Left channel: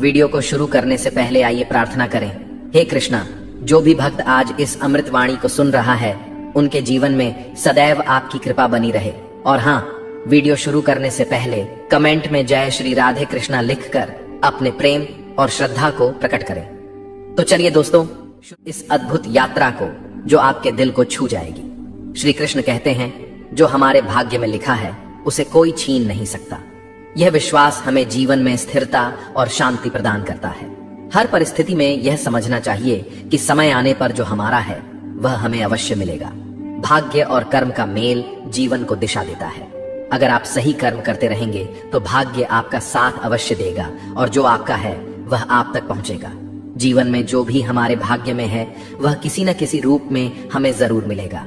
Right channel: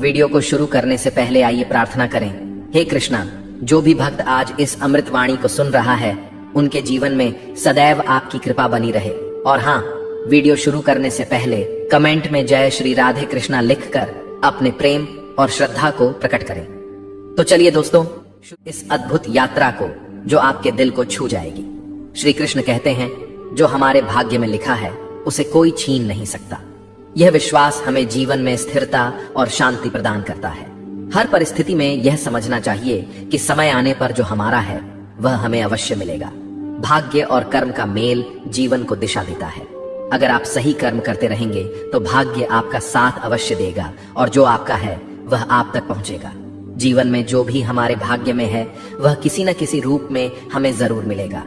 Video को शुरू करने से पहले आइए प्रार्थना करें। हे कृष्णा, जो भी भक्त आज इस अमृत वाणी को सुन रहा है, उनके जीवन में सदैव आपकी कृपा बनी रहे। और हाँ, वीडियो शुरू करने से पहले कमेंट में जय श्री राधे कृष्णा लिखकर अपने प्रेम और श्रद्धा को प्रकट करें। तो चलिए दोस्तों, इस अद्भुत यात्रा को जो आपके दिल को छू जाएगी। श्री कृष्ण कहते हैं, जो हमारे भाग्य में लिखा है उसे कोई छीन नहीं सकता। यह विश्वास हमें जीवन में स्थिरता और शांति प्रदान करता है। हर परिस्थिति में यह समझना चाहिए कि समय आने पर जो हमारा है वह हमें अवश्य मिलेगा। भाग्य और कर्म का मेल जीवन को दिशा देता है। अगर आप सही कर्म करते रहेंगे तो भाग्य आपका साथ अवश्य देगा और जो आपका है वह आप तक पहुंचेगा। जीवन में जो भी हमारे भाग्य में है वह किसी न किसी रूप में हमें जरूर मिलेगा।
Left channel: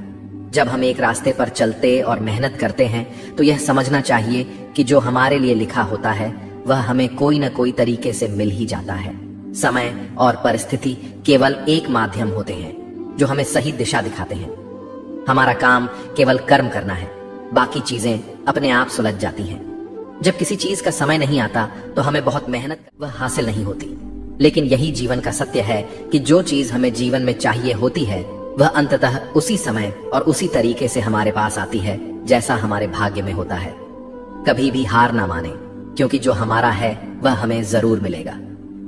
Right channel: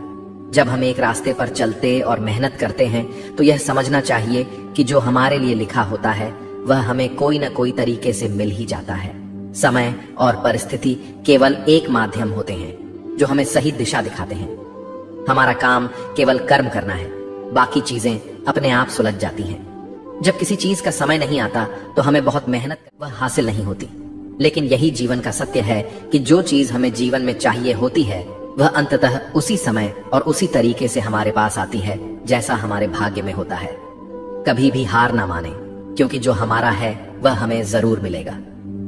जब हम एक रास्ते पर चलते और मेहनत करते हैं तो यह समझना चाहिए कि जो हमारे लिए लिखा होता है वह हमें कोई न कोई तरीके से मिल ही जाता है। समय और परिस्थिति केवल एक माध्यम होते हैं जो हमें सही दिशा दिखाते हैं। हमारा काम केवल कर्म करना है, बाकी चीजें अपने आप सुलझ जाती हैं। जब किसी चीज का समय नहीं आता तो हमें बहुत मेहनत वह हासिल नहीं होती। लेकिन यही जीवन का सत्य है कि जो चीज हमें जीवन में चाहिए होती है वह अंततः उसी समय और उसी तरीके से हमारे पास आती है जैसा हमारे भाग्य में होता है। कभी भी हार ना माने, क्योंकि जो हमारा है वह हमें जरूर मिलेगा।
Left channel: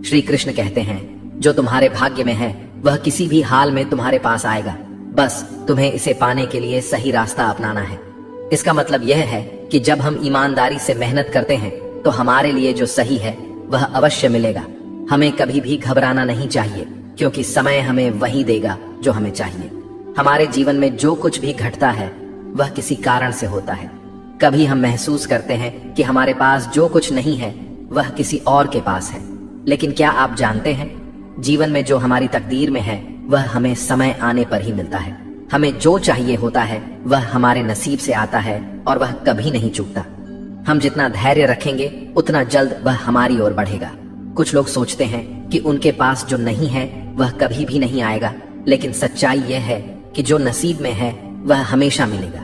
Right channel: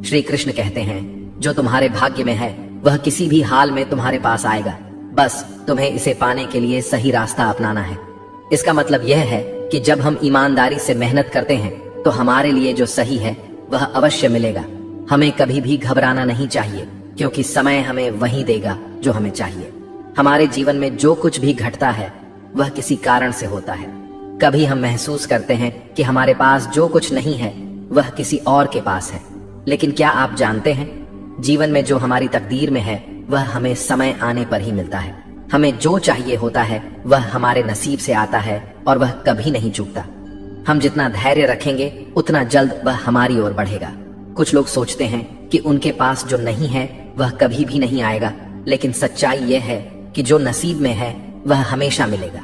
श्री कृष्ण कहते हैं, जो तुम्हारे भाग्य में है वह किसी भी हाल में तुम्हारे पास आएगा। बस तुम्हें इसे पाने के लिए सही रास्ता अपनाना है। इसका मतलब यह है कि जब हम ईमानदारी से मेहनत करते हैं तो हमारे लिए जो सही है वह अवश्य मिलेगा। हमें कभी भी घबराना नहीं चाहिए, क्योंकि समय हमें वही देगा जो हमें चाहिए। हमारे जीवन में जो कुछ भी घटता है वह किसी कारण से होता है। कभी हम महसूस करते हैं कि हमारे पास जो कुछ नहीं है वह किसी और के पास है, लेकिन क्या आप जानते हैं, जीवन में जो हमारी तकदीर में है वह हमें समय आने पर ही मिलता है। हमें जो चाहिए होता है वह हमारे नसीब से आता है और वह कभी नहीं चूकता। हम जितना धैर्य रखेंगे उतना जल्द वह हमारी ओर बढ़ेगा। कुछ लोग सोचते हैं कि उनके पास जो नहीं है वह कभी भी नहीं आएगा, लेकिन सच्चाई यह है कि जो नसीब में है वह हमेशा मिलेगा।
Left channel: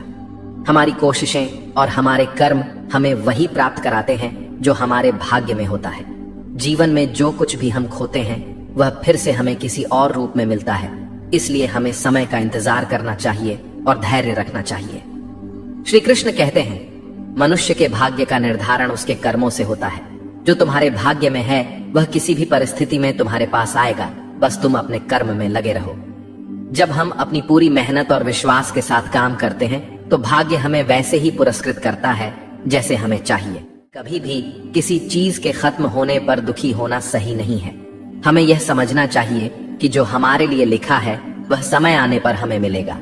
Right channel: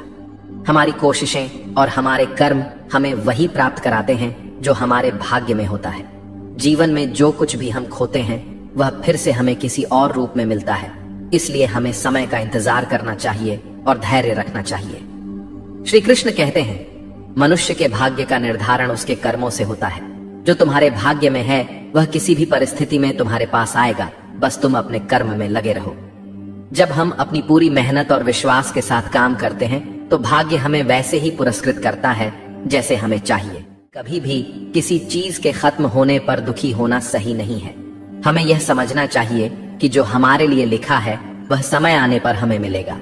हमारी कोशिशें और हमारे कर्म हमें वही प्राप्त कराते हैं जो हमारे भाग्य में होता है। जीवन में जो कुछ भी हम खोते हैं वह फिर से हमें किसी और रूप में मिलता है। इसलिए हमें समय का इंतजार करना चाहिए और धैर्य रखना चाहिए। श्री कृष्ण कहते हैं, मनुष्य के भाग्य का निर्धारण उसके कर्मों से होता है। जो तुम्हारे भाग्य में है वह किसी भी परिस्थिति में तुम्हारे पास आएगा। बस तुम अपने कर्म में लगे रहो। जब हम अपनी पूरी मेहनत और विश्वास के साथ काम करते हैं तो भाग्य हमें वैसे ही पुरस्कृत करता है जैसे हमें चाहिए। कभी भी किसी चीज के खत्म होने पर दुखी होना सही नहीं है। हमें यह समझना चाहिए कि जो हमारे लिए लिखा है वह समय आने पर हमें मिलेगा।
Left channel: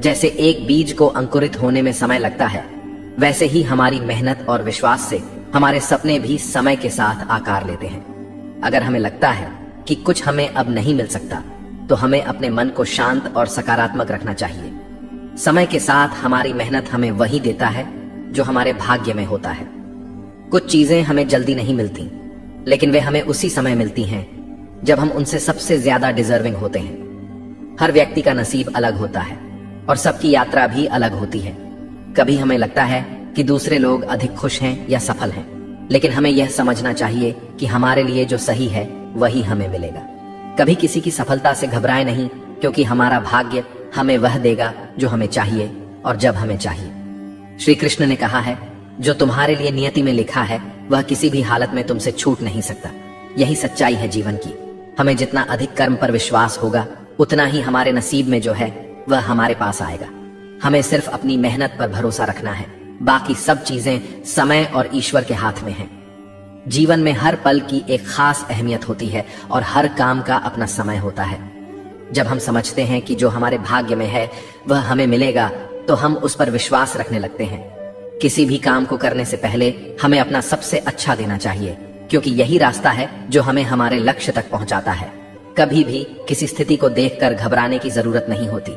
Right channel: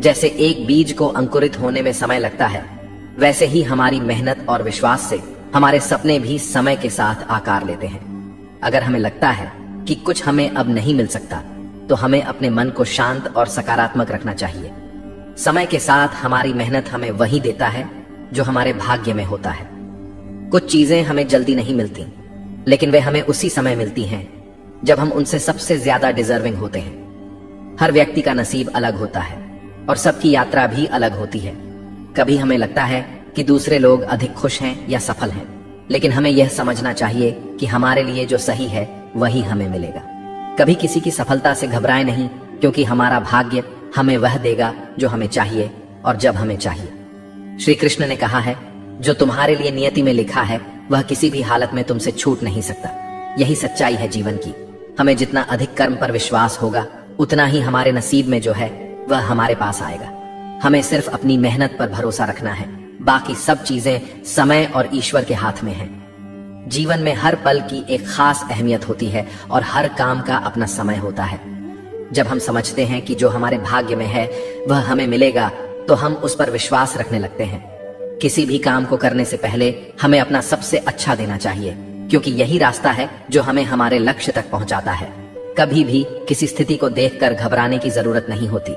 जैसे एक बीज को अंकुरित होने में समय लगता है, वैसे ही हमारी मेहनत और विश्वास से हमारे सपने भी समय के साथ आकार लेते हैं। अगर हमें लगता है कि कुछ हमें अब नहीं मिल सकता तो हमें अपने मन को शांत और सकारात्मक रखना चाहिए। समय के साथ हमारी मेहनत हमें वही देता है जो हमारे भाग्य में होता है। कुछ चीजें हमें जल्दी नहीं मिलती, लेकिन वे हमें उसी समय मिलती हैं जब हम उनसे सबसे ज्यादा डिजर्विंग होते हैं। हर व्यक्ति का नसीब अलग होता है और सबकी यात्रा भी अलग होती है। कभी हमें लगता है कि दूसरे लोग अधिक खुश हैं या सफल हैं, लेकिन हमें यह समझना चाहिए कि हमारे लिए जो सही है वही हमें मिलेगा। कभी किसी की सफलता से घबराएं नहीं, क्योंकि हमारा भाग्य हमें वह देगा जो हमें चाहिए और जब हमें चाहिए। श्री कृष्ण ने कहा है, जो तुम्हारे लिए नियति में लिखा है वह किसी भी हालत में तुमसे छूट नहीं सकता। यही सच्चाई है जीवन की। हमें जितना अधिक कर्म पर विश्वास होगा उतना ही हमारे नसीब में जो है वह हमारे पास आएगा। हमें सिर्फ अपनी मेहनत पर भरोसा रखना है। बाकी सब चीजें समय और ईश्वर के हाथ में है। जीवन में हर पल की एक खास अहमियत होती है और हर काम का अपना समय होता है। जब हम समझते हैं कि जो हमारे भाग्य में है वह हमें मिलेगा तो हम उस पर विश्वास रखने लगते हैं। किसी भी काम को करने से पहले हमें अपना सबसे अच्छा देना चाहिए, क्योंकि यही रास्ता है जो हमें हमारे लक्ष्य तक पहुंचाता है। कभी भी किसी स्थिति को देखकर घबराने की जरूरत नहीं होती।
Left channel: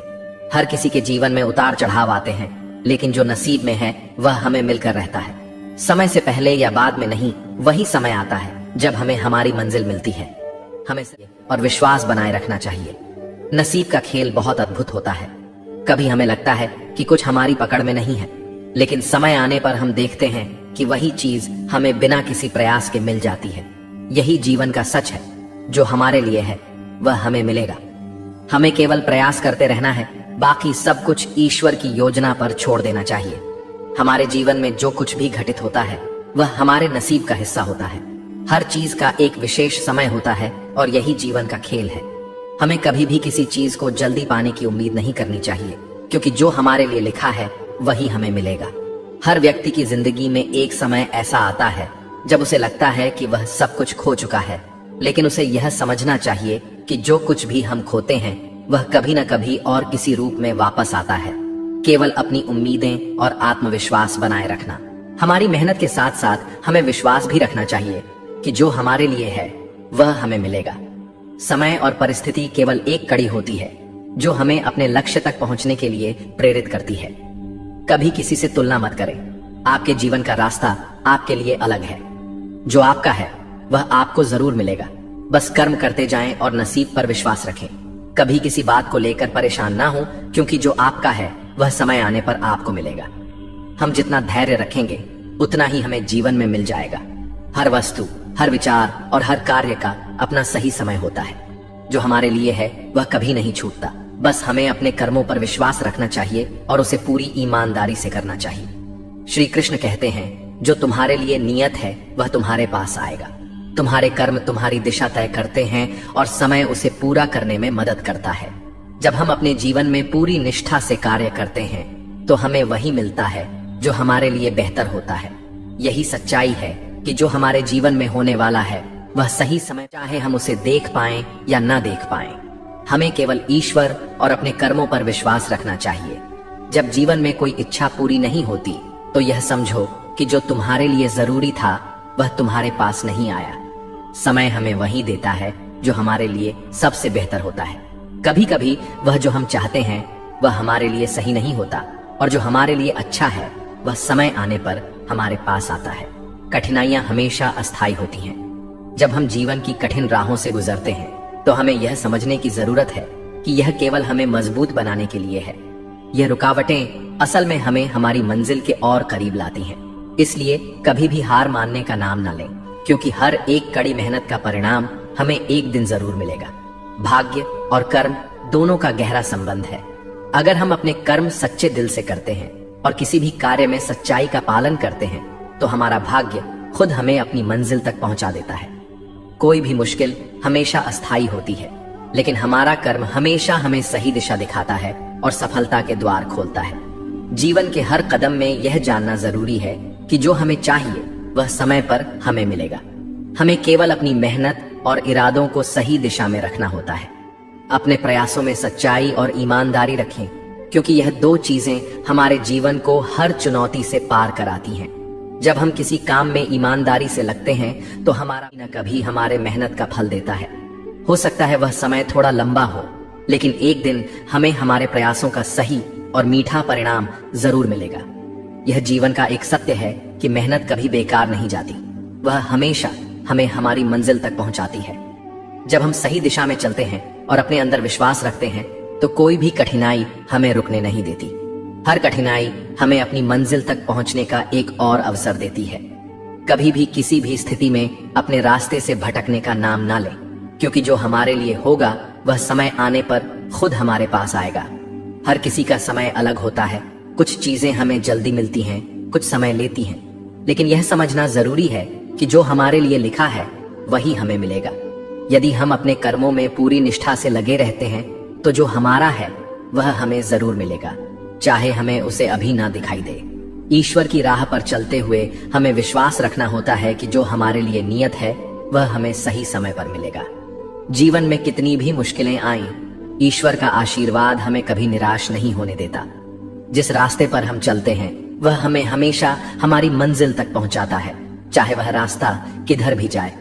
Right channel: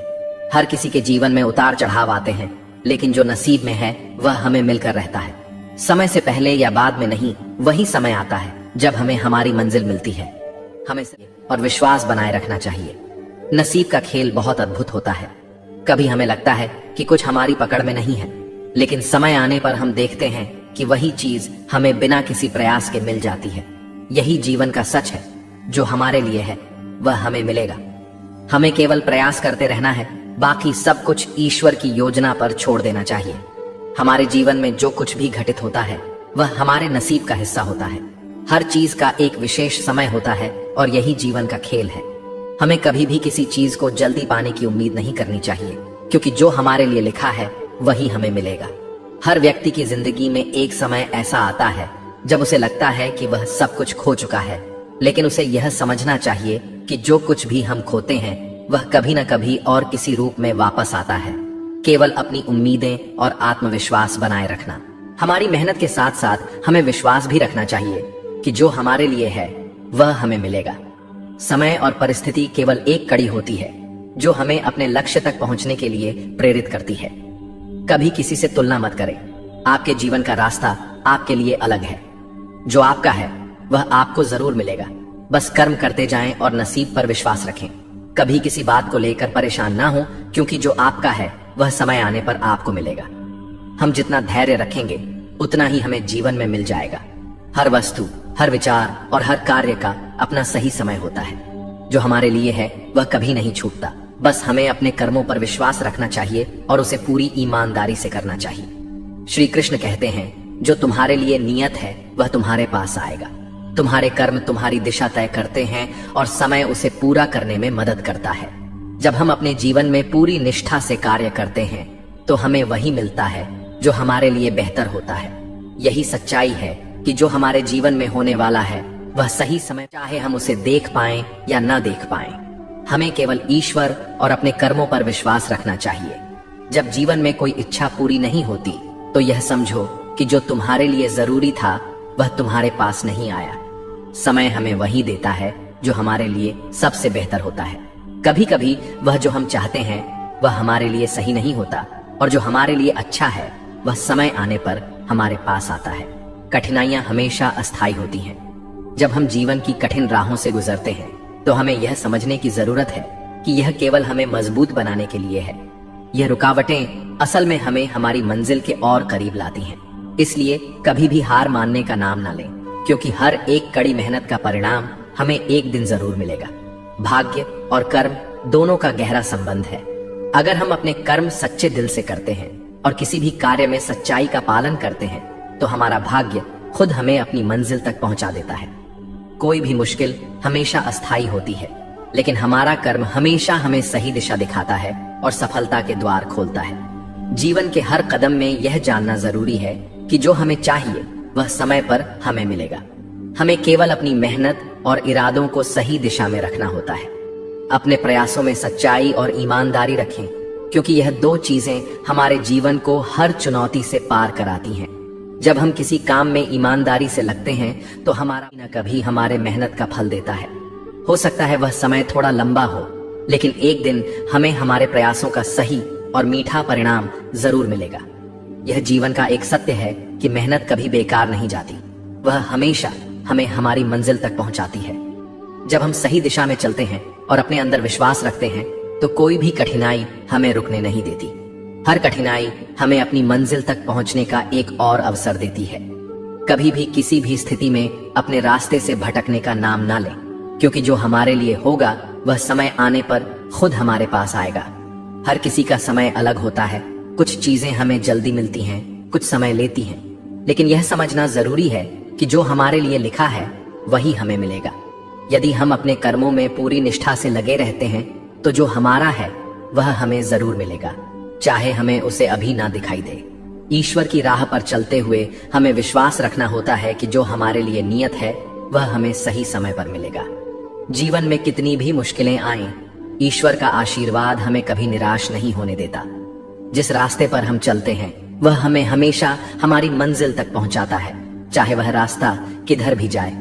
हर किसी के जीवन में उतार चढ़ाव आते हैं, लेकिन जो नसीब में है वह हमें मिलकर रहता है। समय से पहले या बाद में नहीं, वही समय आता है जब हमें हमारी मंजिल मिलती है। हमें और विश्वास बनाए रखना चाहिए। नसीब का खेल बहुत अद्भुत होता है। कभी हमें लगता है कि कुछ हमारी पकड़ में नहीं है, लेकिन समय आने पर हम देखते हैं कि वही चीज हमें बिना किसी प्रयास के मिल जाती है। यही जीवन का सच है। जो हमारे लिए है वह हमें मिलेगा। हमें केवल प्रयास करते रहना है, बाकी सब कुछ ईश्वर की योजना पर छोड़ देना चाहिए। हमारे जीवन में जो कुछ भी घटित होता है वह हमारे नसीब का हिस्सा होता है। हर चीज का एक विशेष समय होता है और यही जीवन का खेल है। हमें कभी भी किसी चीज को जल्दी पाने की उम्मीद नहीं करनी चाहिए, क्योंकि जो हमारे लिए लिखा है वही हमें मिलेगा। हर व्यक्ति की जिंदगी में एक समय ऐसा आता है जब उसे लगता है कि वह सब कुछ खो चुका है, लेकिन उसे यह समझना चाहिए कि जो कुछ भी हम खोते हैं वह कभी न कभी और किसी रूप में वापस आता है। केवल अपनी उम्मीदें और आत्मविश्वास बनाए रखना। हमारी मेहनत के साथ साथ हमें विश्वास भी रखना चाहिए कि जो हमारे लिए है वह हमें मिलेगा। समय और परिस्थिति केवल एक कड़ी होती है जो हमें अपने लक्ष्य तक पहुंचने के लिए प्रेरित करती है। कभी किसी से तुलना मत करें। आपके जीवन का रास्ता आपके लिए अलग है। जो आपका है वह आपको जरूर मिलेगा। बस कर्म करते जाएं और नसीब पर विश्वास रखें। कभी किसी बात को लेकर परेशान ना हो, क्योंकि जो आपका है वह समय आने पर आपको मिलेगा। हम जितना धैर्य रखेंगे उतना ही हमें जीवन में मिल जाएगा। हर वस्तु, हर विचार और हर कार्य का अपना सही समय होता है। जो हमारे लिए है वह कभी नहीं छूटता। बस हमें अपने कर्मों पर विश्वास रखना चाहिए और उसे पूरी ईमानदारी से करना चाहिए। श्री कृष्ण कहते हैं, जो तुम्हारे लिए नियत है वह तुम्हारे पास आएगा। तुम्हारे कर्म तुम्हारी दिशा तय करते हैं और समय उसे पूरा करने में मदद करता है। जब हम अपने जीवन में पूरी निष्ठा से कार्य करते हैं तो हमें वही मिलता है जो हमारे लिए बेहतर होता है। यही सच्चाई है कि जो हमारे जीवन में होने वाला है वह सही समय, चाहे हम उसे देख पाएं या ना देख पाएं। हमें केवल ईश्वर और अपने कर्मों पर विश्वास रखना चाहिए। जब जीवन में कोई इच्छा पूरी नहीं होती तो यह समझो कि जो तुम्हारे लिए जरूरी था वह तुम्हारे पास नहीं आया। समय हमें वही देता है जो हमारे लिए सबसे बेहतर होता है। कभी कभी वह जो हम चाहते हैं वह हमारे लिए सही नहीं होता, और जो हमारे लिए अच्छा है वह समय आने पर हमारे पास आता है। कठिनाइयां हमेशा अस्थायी होती हैं। जब हम जीवन की कठिन राहों से गुजरते हैं तो हमें यह समझने की जरूरत है कि यह केवल हमें मजबूत बनाने के लिए है। यह रुकावटें असल में हमें हमारी मंजिल के और करीब लाती हैं। इसलिए कभी भी हार मानने का नाम ना लें, क्योंकि हर एक कड़ी मेहनत का परिणाम हमें एक दिन जरूर मिलेगा। भाग्य और कर्म दोनों का गहरा संबंध है। अगर हम अपने कर्म सच्चे दिल से करते हैं और किसी भी कार्य में सच्चाई का पालन करते हैं तो हमारा भाग्य खुद हमें अपनी मंजिल तक पहुंचा देता है। कोई भी मुश्किल हमेशा अस्थायी होती है, लेकिन हमारा कर्म हमेशा हमें सही दिशा दिखाता है और सफलता के द्वार खोलता है। जीवन के हर कदम में यह जानना जरूरी है कि जो हमें चाहिए वह समय पर हमें मिलेगा। हमें केवल अपनी मेहनत और इरादों को सही दिशा में रखना होता है। अपने प्रयासों में सच्चाई और ईमानदारी रखें, क्योंकि यह दो चीजें हमारे जीवन को हर चुनौती से पार कराती हैं। जब हम किसी काम में ईमानदारी से लगते हैं तो हमारा न कभी हमारे मेहनत का फल देता है। हो सकता है वह समय थोड़ा लंबा हो, लेकिन एक दिन हमें हमारे प्रयासों का सही और मीठा परिणाम जरूर मिलेगा। यह जीवन का एक सत्य है कि मेहनत कभी बेकार नहीं जाती। वह हमेशा हमें हमारी मंजिल तक पहुंचाती है। जब हम सही दिशा में चलते हैं और अपने अंदर विश्वास रखते हैं तो कोई भी कठिनाई हमें रुकने नहीं देती। हर कठिनाई हमें अपनी मंजिल तक पहुंचने का एक और अवसर देती है। कभी भी किसी भी स्थिति में अपने रास्ते से भटकने का नाम ना लें, क्योंकि जो हमारे लिए होगा वह समय आने पर खुद हमारे पास आएगा। हर किसी का समय अलग होता है। कुछ चीजें हमें जल्दी मिलती हैं, कुछ समय लेती हैं, लेकिन यह समझना जरूरी है कि जो हमारे लिए लिखा है वही हमें मिलेगा। यदि हम अपने कर्मों में पूरी निष्ठा से लगे रहते हैं तो जो हमारा है वह हमें जरूर मिलेगा, चाहे हमें उसे अभी ना दिखाई दे। ईश्वर की राह पर चलते हुए हमें विश्वास रखना होता है कि जो हमारे लिए नियत है वह हमें सही समय पर मिलेगा। जीवन में कितनी भी मुश्किलें आएं, ईश्वर का आशीर्वाद हमें कभी निराश नहीं होने देता। जिस रास्ते पर हम चलते हैं वह हमें हमेशा हमारी मंजिल तक पहुंचाता है, चाहे वह रास्ता किधर भी जाए।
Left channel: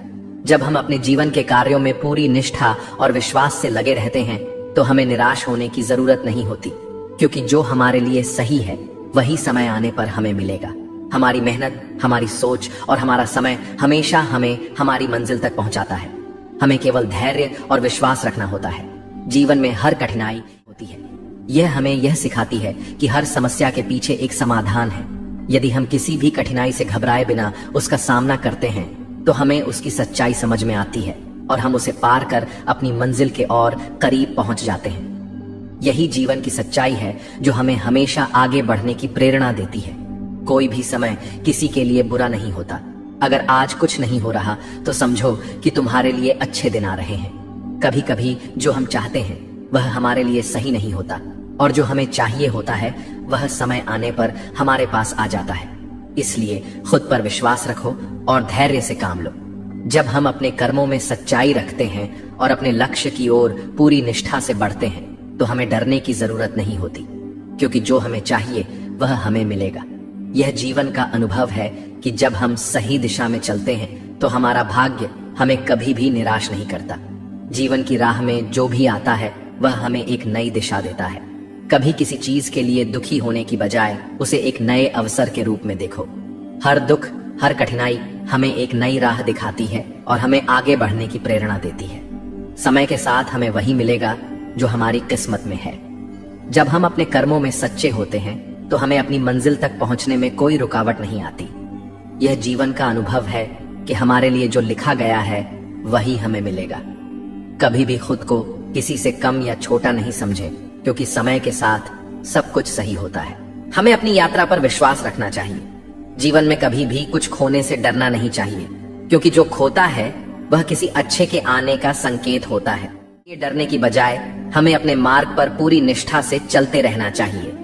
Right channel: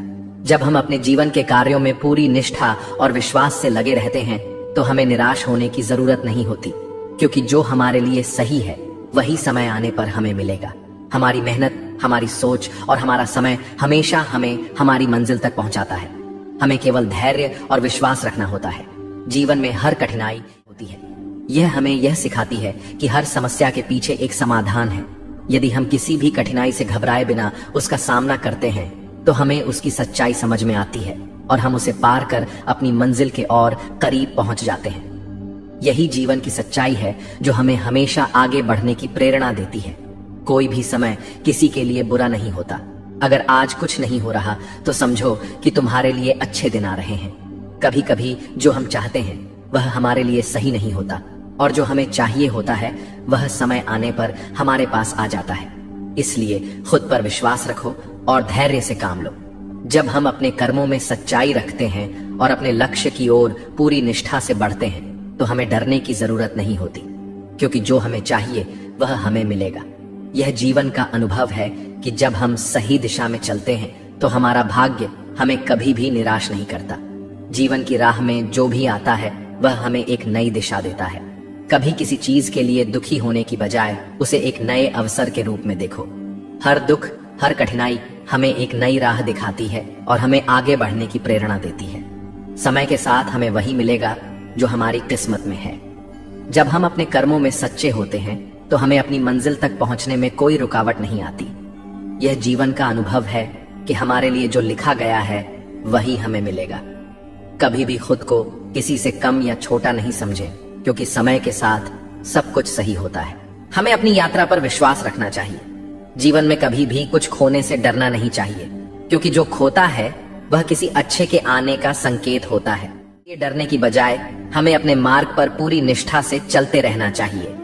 जब हम अपने जीवन के कार्यों में पूरी निष्ठा और विश्वास से लगे रहते हैं तो हमें निराश होने की जरूरत नहीं होती, क्योंकि जो हमारे लिए सही है वही समय आने पर हमें मिलेगा। हमारी मेहनत, हमारी सोच और हमारा समय हमेशा हमें हमारी मंजिल तक पहुंचाता है। हमें केवल धैर्य और विश्वास रखना होता है। जीवन में हर कठिनाई होती है। यह हमें यह सिखाती है कि हर समस्या के पीछे एक समाधान है। यदि हम किसी भी कठिनाई से घबराए बिना उसका सामना करते हैं तो हमें उसकी सच्चाई समझ में आती है और हम उसे पार कर अपनी मंजिल के और करीब पहुंच जाते हैं। यही जीवन की सच्चाई है जो हमें हमेशा आगे बढ़ने की प्रेरणा देती है। कोई भी समय किसी के लिए बुरा नहीं होता। अगर आज कुछ नहीं हो रहा तो समझो कि तुम्हारे लिए अच्छे दिन आ रहे हैं। कभी कभी जो हम चाहते हैं वह हमारे लिए सही नहीं होता और जो हमें चाहिए होता है वह समय आने पर हमारे पास आ जाता है। इसलिए खुद पर विश्वास रखो और धैर्य से काम लो। जब हम अपने कर्मों में सच्चाई रखते हैं और अपने लक्ष्य की ओर पूरी निष्ठा से बढ़ते हैं तो हमें डरने की जरूरत नहीं होती, क्योंकि जो हमें चाहिए वह हमें मिलेगा। यह जीवन का अनुभव है कि जब हम सही दिशा में चलते हैं तो हमारा भाग्य हमें कभी भी निराश नहीं करता। जीवन की राह में जो भी आता है वह हमें एक नई दिशा देता है। कभी किसी चीज के लिए दुखी होने की बजाय उसे एक नए अवसर के रूप में देखो। हर दुख, हर कठिनाई हमें एक नई राह दिखाती है और हमें आगे बढ़ने की प्रेरणा देती है। समय के साथ हमें वही मिलेगा जो हमारी किस्मत में है। जब हम अपने कर्मों में सच्चे होते हैं तो हमें अपनी मंजिल तक पहुंचने में कोई रुकावट नहीं आती। यह जीवन का अनुभव है कि हमारे लिए जो लिखा गया है वही हमें मिलेगा। कभी भी खुद को किसी से कम या छोटा नहीं समझे, क्योंकि समय के साथ सब कुछ सही होता है। हमें अपनी यात्रा पर विश्वास रखना चाहिए। जीवन में कभी भी कुछ खोने से डरना नहीं चाहिए, क्योंकि जो खोता है वह किसी अच्छे के आने का संकेत होता है। ये डरने की बजाय हमें अपने मार्ग पर पूरी निष्ठा से चलते रहना चाहिए,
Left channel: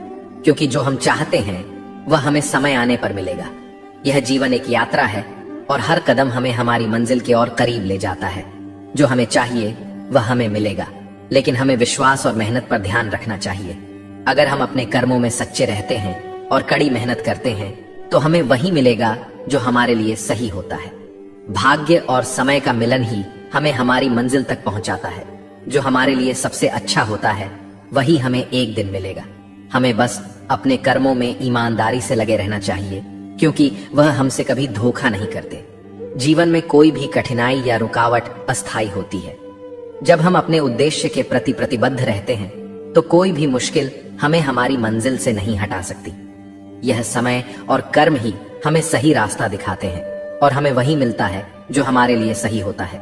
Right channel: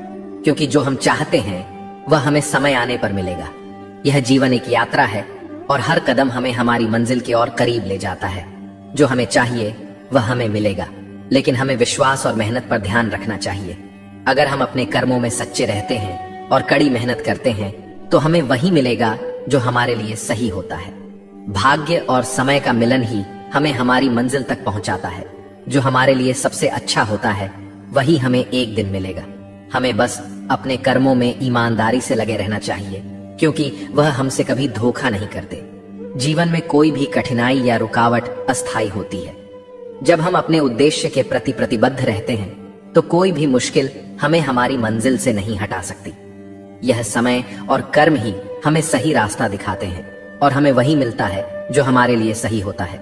क्योंकि जो हम चाहते हैं वह हमें समय आने पर मिलेगा। यह जीवन एक यात्रा है और हर कदम हमें हमारी मंजिल के और करीब ले जाता है। जो हमें चाहिए वह हमें मिलेगा, लेकिन हमें विश्वास और मेहनत पर ध्यान रखना चाहिए। अगर हम अपने कर्मों में सच्चे रहते हैं और कड़ी मेहनत करते हैं तो हमें वही मिलेगा जो हमारे लिए सही होता है। भाग्य और समय का मिलन ही हमें हमारी मंजिल तक पहुंचाता है। जो हमारे लिए सबसे अच्छा होता है वही हमें एक दिन मिलेगा। हमें बस अपने कर्मों में ईमानदारी से लगे रहना चाहिए, क्योंकि वह हमसे कभी धोखा नहीं करते। जीवन में कोई भी कठिनाई या रुकावट अस्थायी होती है। जब हम अपने उद्देश्य के प्रति प्रतिबद्ध रहते हैं तो कोई भी मुश्किल हमें हमारी मंजिल से नहीं हटा सकती। यह समय और कर्म ही हमें सही रास्ता दिखाते हैं और हमें वही मिलता है जो हमारे लिए सही होता है।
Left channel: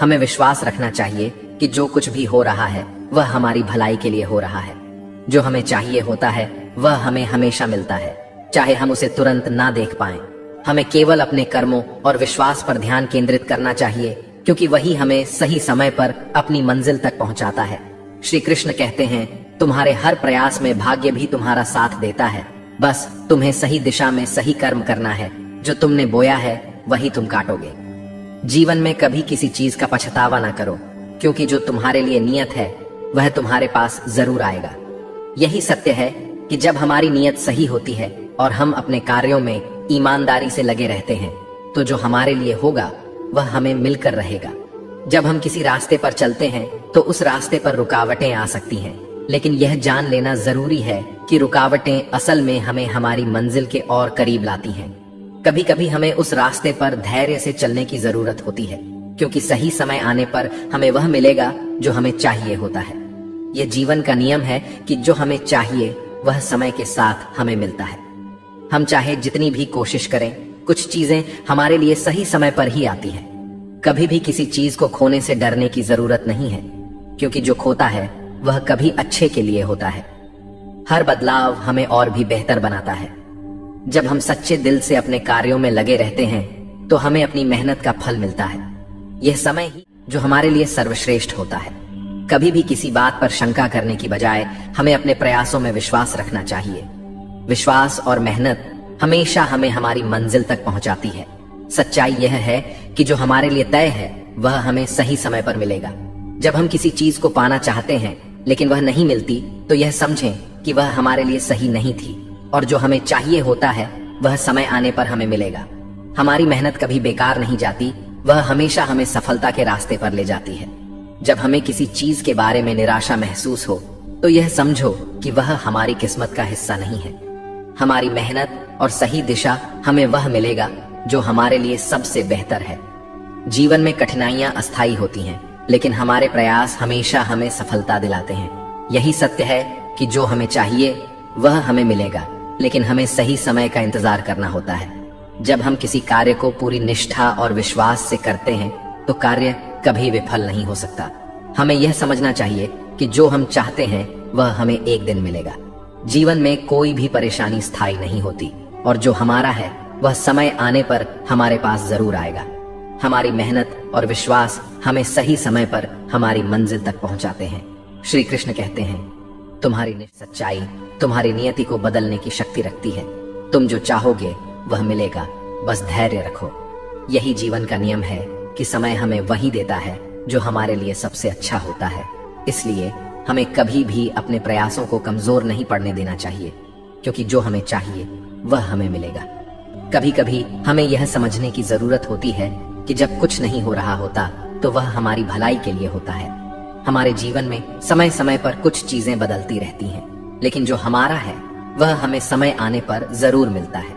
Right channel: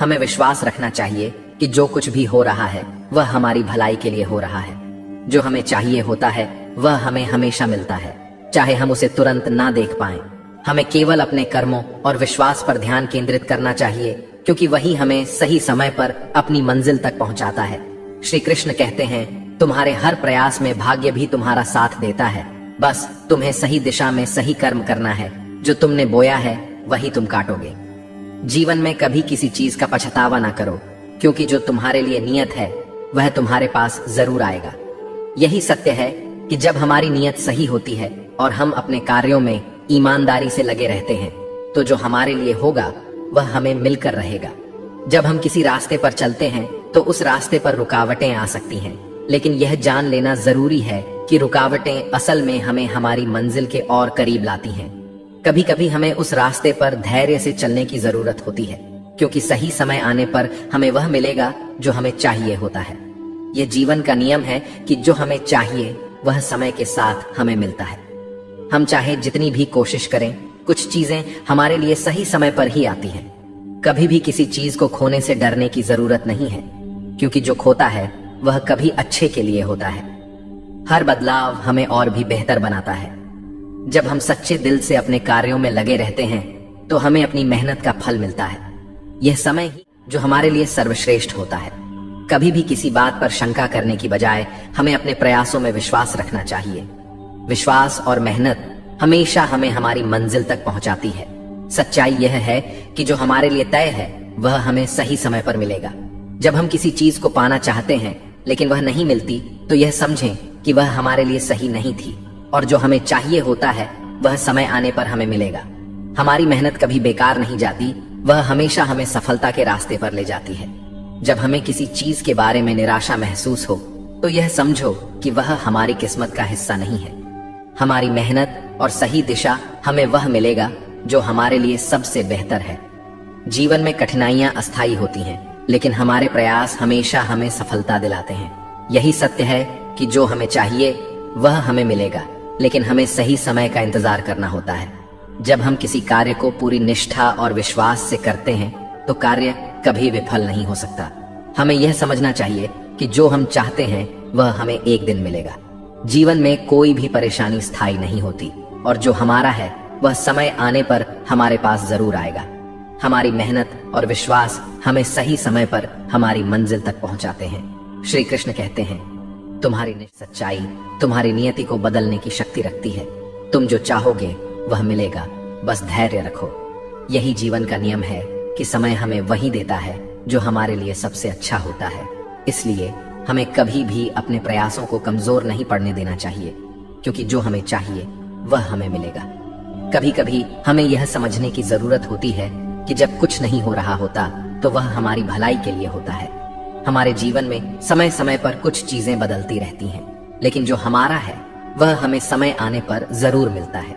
हमें विश्वास रखना चाहिए कि जो कुछ भी हो रहा है वह हमारी भलाई के लिए हो रहा है। जो हमें चाहिए होता है वह हमें हमेशा मिलता है, चाहे हम उसे तुरंत ना देख पाएं। हमें केवल अपने कर्मों और विश्वास पर ध्यान केंद्रित करना चाहिए, क्योंकि वही हमें सही समय पर अपनी मंजिल तक पहुंचाता है। श्री कृष्ण कहते हैं, तुम्हारे हर प्रयास में भाग्य भी तुम्हारा साथ देता है। बस तुम्हें सही दिशा में सही कर्म करना है। जो तुमने बोया है वही तुम काटोगे। जीवन में कभी किसी चीज का पछतावा ना करो, क्योंकि जो तुम्हारे लिए नियत है वह तुम्हारे पास जरूर आएगा। यही सत्य है कि जब हमारी नियत सही होती है और हम अपने कार्यों में ईमानदारी से लगे रहते हैं तो जो हमारे लिए होगा वह हमें मिलकर रहेगा। जब हम किसी रास्ते पर चलते हैं तो उस रास्ते पर रुकावटें आ सकती हैं, लेकिन यह जान लेना जरूरी है कि रुकावटें असल में हमें हमारी मंजिल के और करीब लाती हैं। कभी कभी हमें उस रास्ते पर धैर्य से चलने की जरूरत होती है, क्योंकि सही समय आने पर हमें वह मिलेगा जो हमें चाहिए होता है। यह जीवन का नियम है कि जो हमें चाहिए वह समय के साथ हमें मिलता है। हम चाहे जितनी भी कोशिश करें, कुछ चीजें हमारे लिए सही समय पर ही आती हैं। कभी भी किसी चीज को खोने से डरने की जरूरत नहीं है, क्योंकि जो खोता है वह कभी अच्छे के लिए होता है। हर बदलाव हमें और भी बेहतर बनाता है। जब हम सच्चे दिल से अपने कार्यों में लगे रहते हैं तो हमें अपनी मेहनत का फल मिलता है। यह समय ही जो हमारे लिए सर्वश्रेष्ठ होता है। कभी भी किसी बात पर शंका करने की बजाय हमें अपने प्रयासों में विश्वास रखना चाहिए। विश्वास और मेहनत हमेशा हमें हमारी मंजिल तक पहुंचाती है। सच्चाई यह है कि जो हमारे लिए तय है वह हमें सही समय पर मिलेगा। जब हम किसी चीज को पाना चाहते हैं लेकिन वह नहीं मिलती तो यह समझें कि वह हमारे लिए सही नहीं थी, और जो हमें चाहिए होता है वह समय आने पर हमें मिलेगा। हमारी मेहनत कभी बेकार नहीं जाती, वह हमेशा हमें सफलता के रास्ते पर ले जाती है। जब हमें किसी चीज के बारे में निराशा महसूस हो तो यह समझो कि वह हमारी किस्मत का हिस्सा नहीं है। हमारी मेहनत और सही दिशा हमें वह मिलेगा जो हमारे लिए सबसे बेहतर है। जीवन में कठिनाइयां अस्थायी होती हैं, लेकिन हमारे प्रयास हमेशा हमें सफलता दिलाते हैं। यही सत्य है कि जो हमें चाहिए वह हमें मिलेगा, लेकिन हमें सही समय का इंतजार करना होता है। जब हम किसी कार्य को पूरी निष्ठा और विश्वास से करते हैं तो कार्य कभी विफल नहीं हो सकता। हमें यह समझना चाहिए कि जो हम चाहते हैं वह हमें एक दिन मिलेगा। जीवन में कोई भी परेशानी स्थायी नहीं होती और जो हमारा है वह समय आने पर हमारे पास जरूर आएगा। हमारी मेहनत और विश्वास हमें सही समय पर हमारी मंजिल तक पहुंचाते हैं। श्री कृष्ण कहते हैं, तुम्हारी सच्चाई तुम्हारी नियति को बदलने की शक्ति रखती है। तुम जो चाहोगे वह मिलेगा, बस धैर्य रखो। यही जीवन का नियम है कि समय हमें वही देता है जो हमारे लिए सबसे अच्छा होता है। इसलिए हमें कभी भी अपने प्रयासों को कमजोर नहीं पड़ने देना चाहिए, क्योंकि जो हमें चाहिए वह हमें मिलेगा। कभी कभी हमें यह समझने की जरूरत होती है कि जब कुछ नहीं हो रहा होता तो वह हमारी भलाई के लिए होता है। हमारे जीवन में समय समय पर कुछ चीजें बदलती रहती हैं, लेकिन जो हमारा है वह हमें समय आने पर जरूर मिलता है।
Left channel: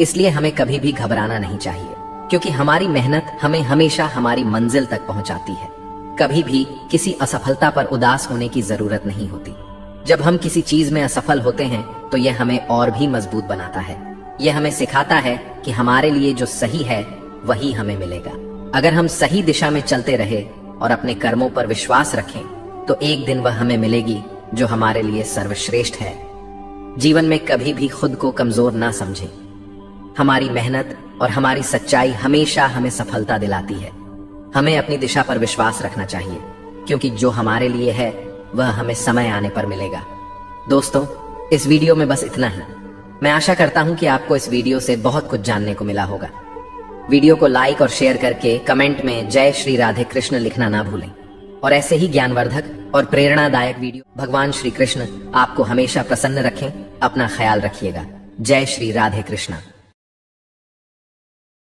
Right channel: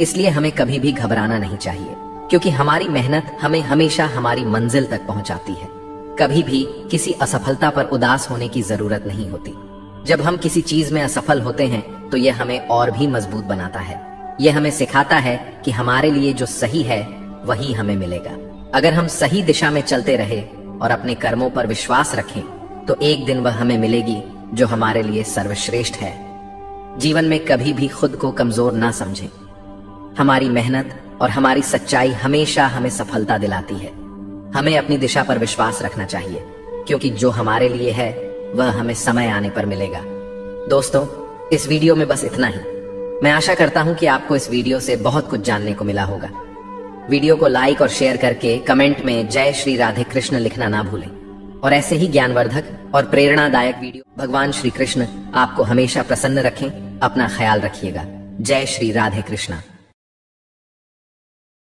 इसलिए हमें कभी भी घबराना नहीं चाहिए, क्योंकि हमारी मेहनत हमें हमेशा हमारी मंजिल तक पहुंचाती है। कभी भी किसी असफलता पर उदास होने की जरूरत नहीं होती। जब हम किसी चीज में असफल होते हैं तो यह हमें और भी मजबूत बनाता है। यह हमें सिखाता है कि हमारे लिए जो सही है वही हमें मिलेगा। अगर हम सही दिशा में चलते रहे और अपने कर्मों पर विश्वास रखें तो एक दिन वह हमें मिलेगी जो हमारे लिए सर्वश्रेष्ठ है। जीवन में कभी भी खुद को कमजोर ना समझें। हमारी मेहनत और हमारी सच्चाई हमेशा हमें सफलता दिलाती है। हमें अपनी दिशा पर विश्वास रखना चाहिए, क्योंकि जो हमारे लिए है वह हमें समय आने पर मिलेगा। दोस्तों, इस वीडियो में बस इतना ही। मैं आशा करता हूं कि आपको इस वीडियो से बहुत कुछ जानने को मिला होगा। वीडियो को लाइक और शेयर करके कमेंट में जय श्री राधे कृष्ण लिखना ना भूलें। और ऐसे ही ज्ञानवर्धक और प्रेरणादायक वीडियो भगवान श्री कृष्ण आपको हमेशा प्रसन्न रखें। अपना ख्याल रखिएगा। जय श्री राधे कृष्ण।